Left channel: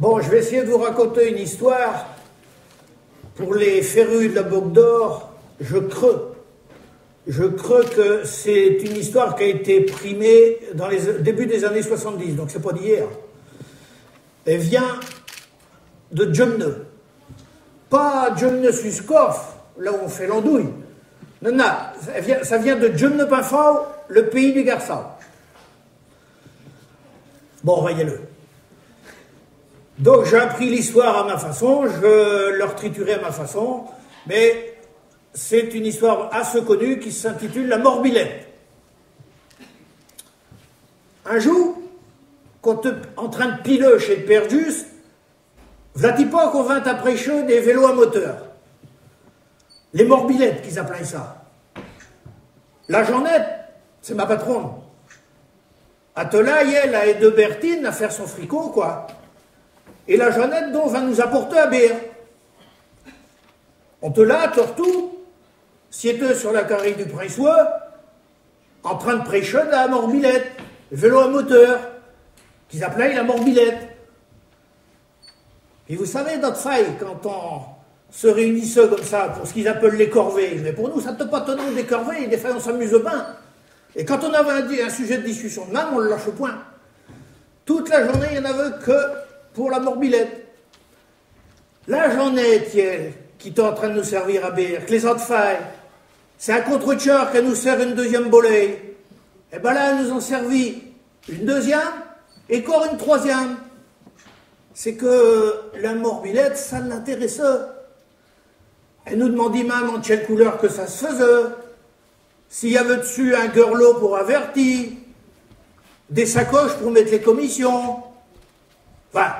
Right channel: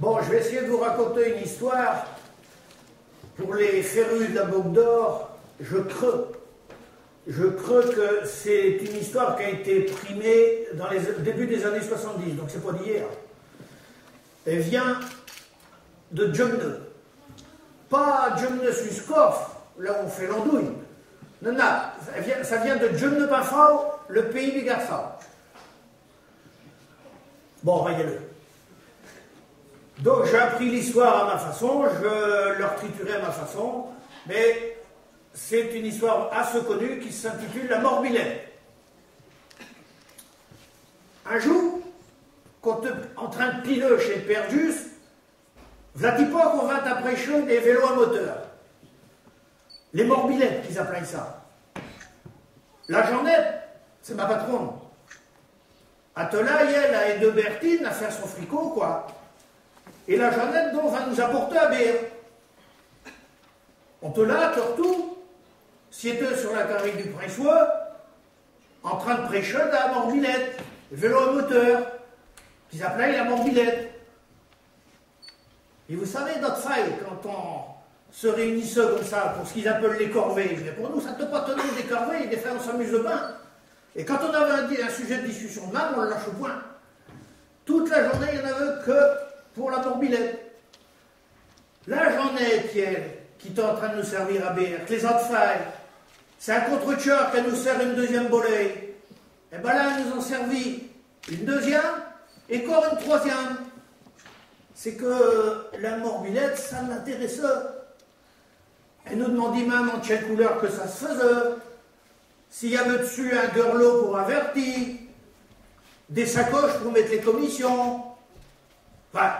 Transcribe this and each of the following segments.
Bon, je vais essayer de vous raconter une histoire. Pour les férus de la Boucle d'Or, je creux que c'est une histoire qui a été primée dans les débuts des années 70, donc c'est pas d'hier. Elle vient de Djemne. Pas Djemne Suskov, là où on fait l'andouille. Non, non, ça vient de Djemne Pinfao, le pays du Garçon. Bon, voyez-le. Donc j'ai appris l'histoire à ma façon, je leur triturais à ma façon, mais c'est une histoire assez connue qui s'intitule La Morbilette. Un jour, quand en train de piler chez le Père Juste, v'là-t-il pas qu'on vint après chaud des vélos à moteur. Les morbilettes qu'ils appelaient ça. La Jeannette, c'est ma patronne. Atelaï, elle, a aidé Bertine à faire son fricot, quoi. Et la Jeannette, donc, va nous apporter à bière. On te l'a, tortou, siéteux sur la carré du Pressois, en train de prêcher la morbilette, le vélo à moteur, qu'ils appelaient la morbilette. Et vous savez, notre faille, quand on se réunissait comme ça, pour ce qu'ils appellent les corvées, mais pour nous, ça ne te pas tenir des corvées, des fois on s'amuse bien. Et quand on avait un sujet de discussion de même, on le lâche au point. Toute la journée, il n'y en avait que pour la morbilette. La journée, qui est en train de nous servir à bière, que les autres failles, c'est un contre-tueur qui nous sert une deuxième bolée. Et bien là, ils nous ont servi une deuxième et encore une troisième. C'est que la morbilette, ça l'intéressait. Elle nous demandait même en quelle couleur que ça se faisait. S'il y avait dessus un guerlot pour avertir, des sacoches pour mettre les commissions. Enfin,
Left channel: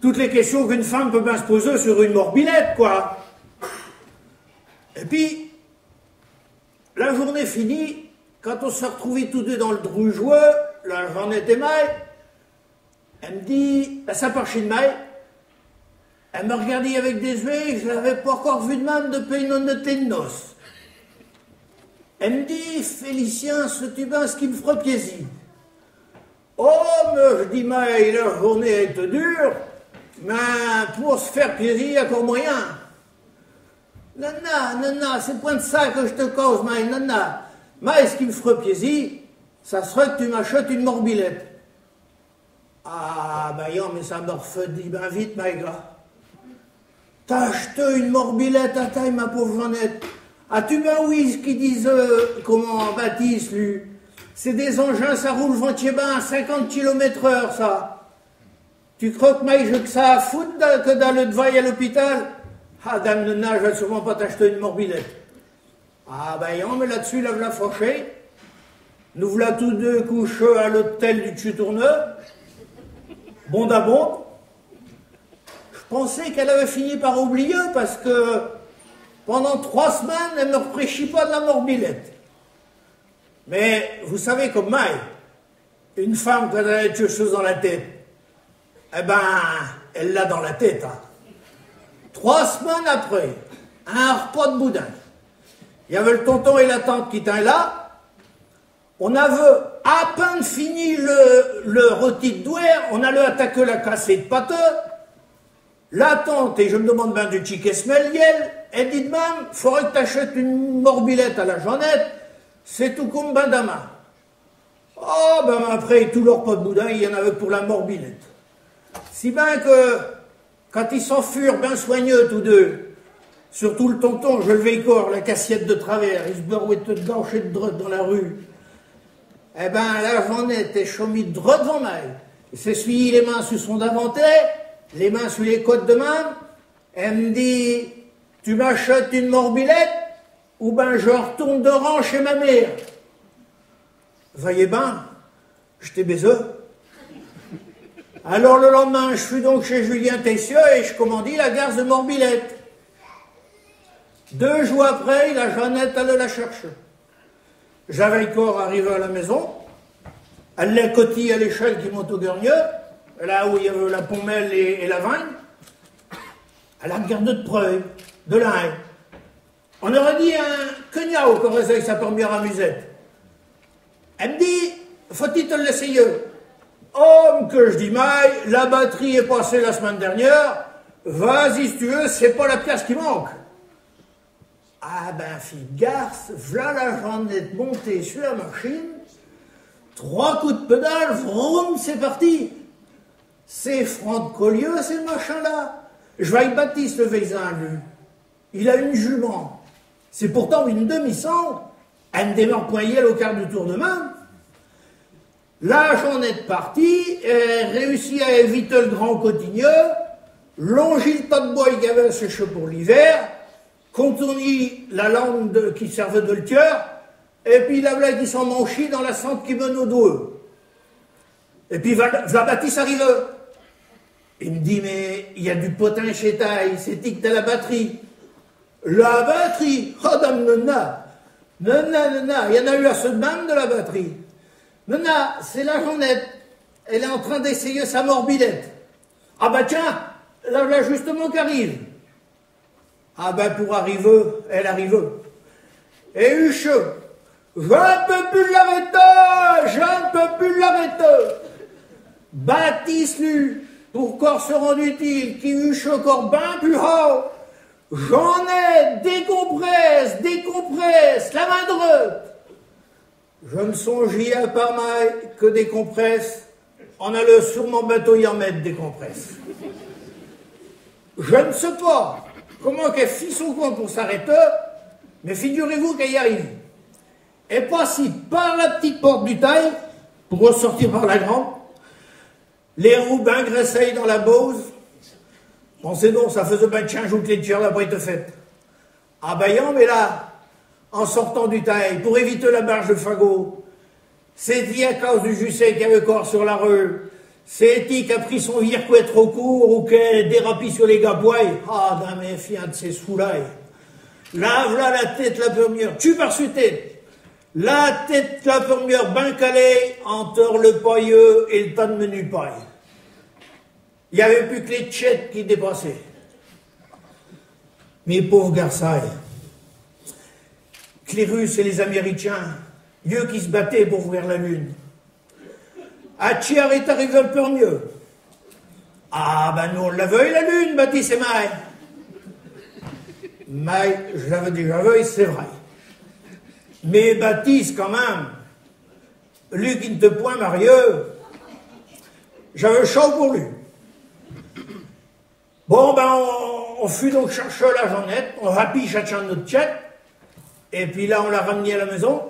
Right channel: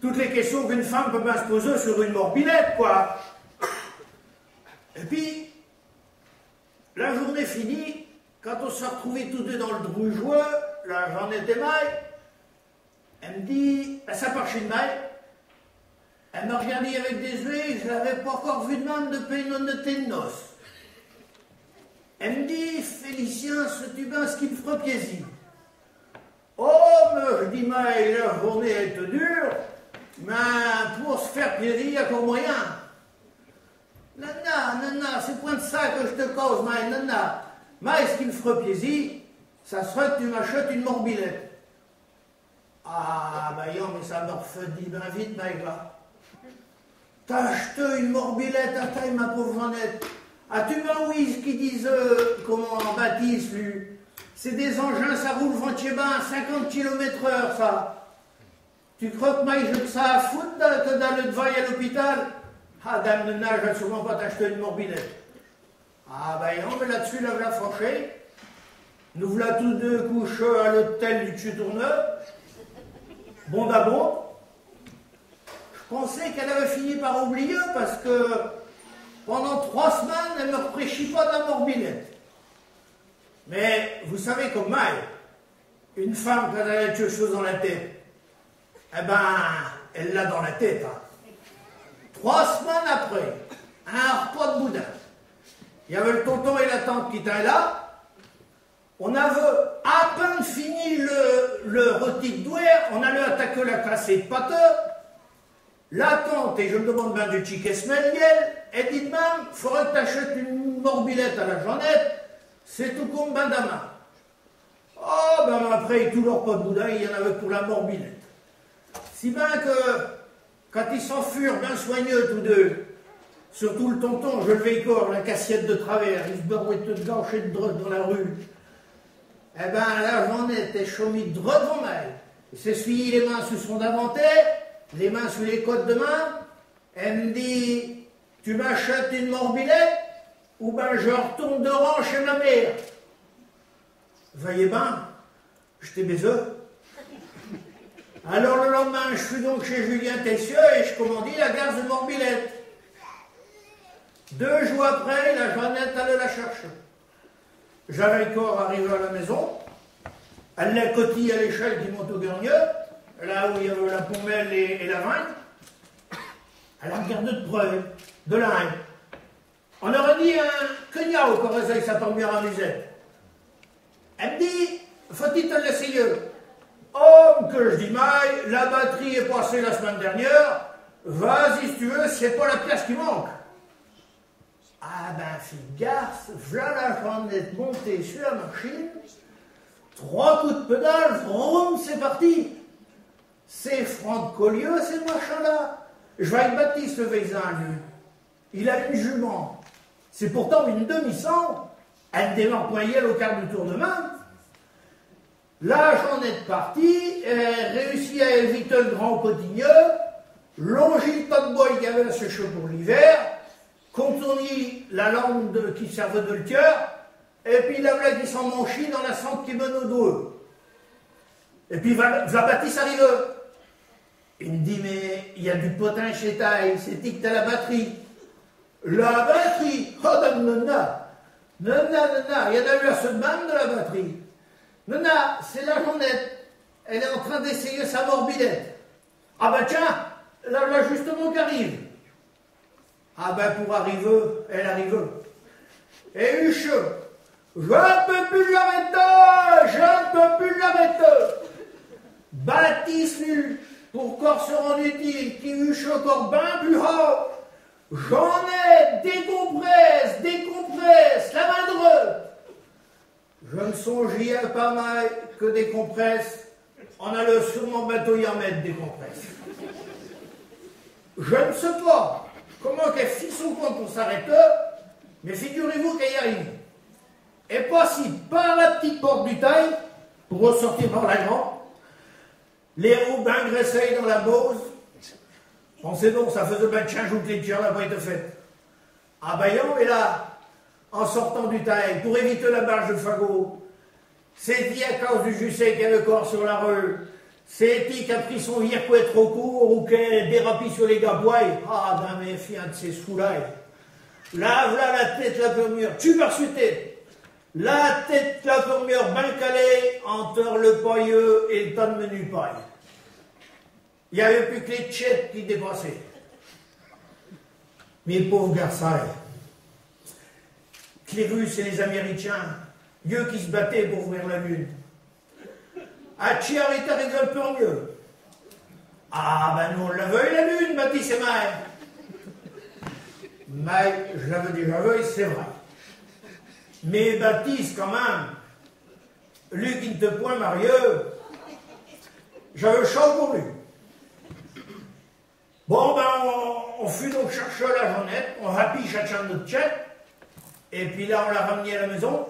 toutes les questions qu'une femme peut bien se poser sur une morbilette, quoi. Et puis, la journée finie, quand on s'est retrouvés tous deux dans le drougeois, la journée était maille, elle me dit, ça part de maille, elle me regardait avec des yeux, je ne l'avais pas encore vu de même depuis une noté de noces. Elle me dit, Félicien, sais-tu bien ce qui me ferait plaisir? Oh, mais je dis, mais la journée est dure, mais pour se faire plaisir, il y a encore moyen. Non, c'est point de ça que je te cause, mais non. Mais ce qui me ferait plaisir, ça serait que tu m'achètes une morbilette. Ah, ben non, mais ça me refait bien vite, my gars. T'as acheté une morbilette à taille, ma pauvre Jeannette. As-tu bien oui ce qu'ils disent, comment Baptiste, lui? C'est des engins, ça roule ventier-bain à 50 km/h, ça. Tu crois que j'ai que ça à foutre que d'aller de vaille à l'hôpital? Ah, dame de nage, je vais sûrement pas t'acheter une morbilette. Ah, ben non, mais là-dessus, là, voilà fauché. Nous voilà tous deux couchés à l'hôtel du Tutourneux. Bon d'abord. Je pensais qu'elle avait fini par oublier parce que pendant 3 semaines, elle ne me repréchit pas de la morbilette. Mais vous savez comme moi, une femme quand elle a quelque chose dans la tête, eh ben, elle l'a dans la tête. Hein. 3 semaines après, un repas de boudin. Il y avait le tonton et la tante qui étaient là. On avait à peine fini le rôti de douer, on allait attaquer la cassée de pâteux. La tante, et je me demande bien du chic Esmeliel, elle dit de même, il faudrait que tu achètes une morbilette à la Jeannette, c'est tout comme Bandama. Oh, ben après, tout leur pas de boudin, il y en avait pour la morbilette. Si bien que, quand ils s'en furent bien soigneux tous deux, surtout le tonton, je levais corps, la cassiette de travers, il se barouettait dedans chez de droite dans la rue. Eh ben, la Jeannette est chômée droit devant moi. Il s'essuie les mains sous son daventaire, les mains sous les côtes de main. Elle me dit, tu m'achètes une morbilette ou ben je retourne de rang chez ma mère. Voyez ben, je t'ai baisé. Alors le lendemain, je suis donc chez Julien Tessieux et je commandis la garce de morbilette. 2 jours après, la Jeannette allait la chercher. J'avais le corps arrivé à la maison. Elle l'a cotille à l'échelle qui monte au Guernieux, là où il y avait la pommelle et la vigne. Elle a regardé de près, de l'un. On aurait dit un cognat qui aurait sa première à musette. Elle me dit, faut-il te l'essayer? Homme que je dis maille, la batterie est passée la semaine dernière, vas-y si tu veux, c'est pas la pièce qui manque. Ah ben, fille garce, v'là la Jeannette montée sur la machine, 3 coups de pédale, vroom, c'est parti. C'est franc de Collieu, ces machins-là. Je vois avec Baptiste le Veysin, lui. Il a une jument. C'est pourtant une demi-cent. Elle démarre poignelle au quart de tour de main. La Jeannette partie, elle réussit à éviter le grand cotigneux, longit le tas de bois qu'il y avait à sécher pour l'hiver, contournit la lampe qui servait de le tiers, et puis la blague qui s'en manchit dans la centre qui mène au dos. Et puis va Baptiste arrive. Il me dit, mais il y a du potin chez taille, c'est dit que t'as la batterie. La batterie? Oh, dame nonna, il y en a eu à ce même de la batterie. Nonna, c'est la Jeannette. Elle est en train d'essayer sa morbidette. Ah ben tiens, là justement qu'arrive. Ah ben pour arriver, elle arrive. Et Huche, je ne peux plus l'arrêter, je ne peux plus l'arrêter. Baptiste, lui, pour corps se rendre utile, qui Huche encore bien plus haut. J'en ai, décompresse, la main droite. Je ne songeais à pas mal que des compresses. On allait sûrement bientôt y en mettre des compresses. Je ne sais pas comment qu'elle fit son compte pour s'arrêter, mais figurez-vous qu'elle y arrive. Elle passe par la petite porte du taille pour ressortir par la grande. Les roues bien graissées dans la Bose. Pensez donc, ça faisait bien de 15 jours que les tirs là-bas étaient faites. Ah ben non, mais là, en sortant du taille, pour éviter la marche de fagot, c'est dit à cause du Jusset qui avait corps sur la rue, c'est dit qui a pris son vircouet trop court ou qu'elle dérapit sur les gabois. Ah, d'un méfiant de ces sous-là. Lave là la tête la première, tu par su tête. La tête la première, ben calée, entre le pailleux et le tas de menu paille. Il n'y avait plus que les tchètes qui dépassaient. Mes pauvres garçons, que les Russes et les Américains, eux qui se battaient pour ouvrir la Lune. Hatchiar est arrivé un peu mieux. Ah ben nous on l'avait la Lune, Baptiste et Maï. Maï, je l'avais déjà vu, c'est vrai. Mais Baptiste quand même, lui qui ne te point marieux, j'avais chaud pour lui. Bon ben on fut donc chercher la Jeannette, on rapit chacun notre tchèque, et puis là on l'a ramené à la maison,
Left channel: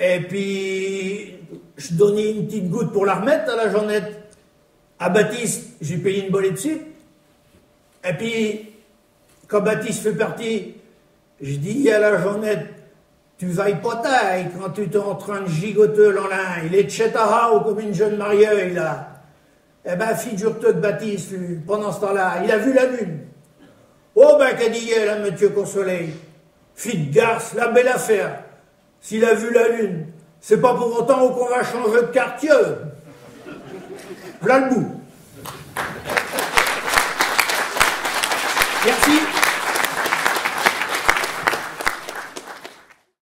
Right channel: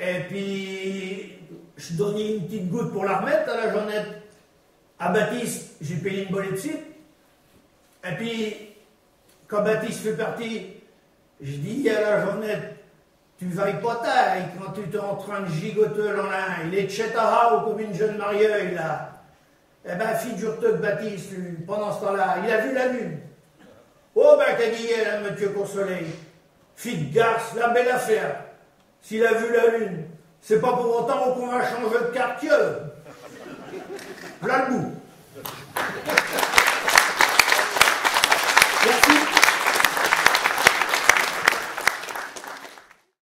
et puis je donnais une petite goutte pour la remettre à la Jeannette. À Baptiste, j'ai payé une bolée dessus, et puis quand Baptiste fait partie, je dis à la Jeannette, tu vailles pas taille quand tu es en train de gigoter l'enlin, il est tchétahao comme une jeune mariée, là. Eh ben, figure-toi que Baptiste, lui, pendant ce temps-là, il a vu la lune. Oh ben, qu'a dit elle, hein, monsieur Consoleil? Fille de garce, la belle affaire. S'il a vu la lune, c'est pas pour autant qu'on va changer de quartier. Voilà le bout.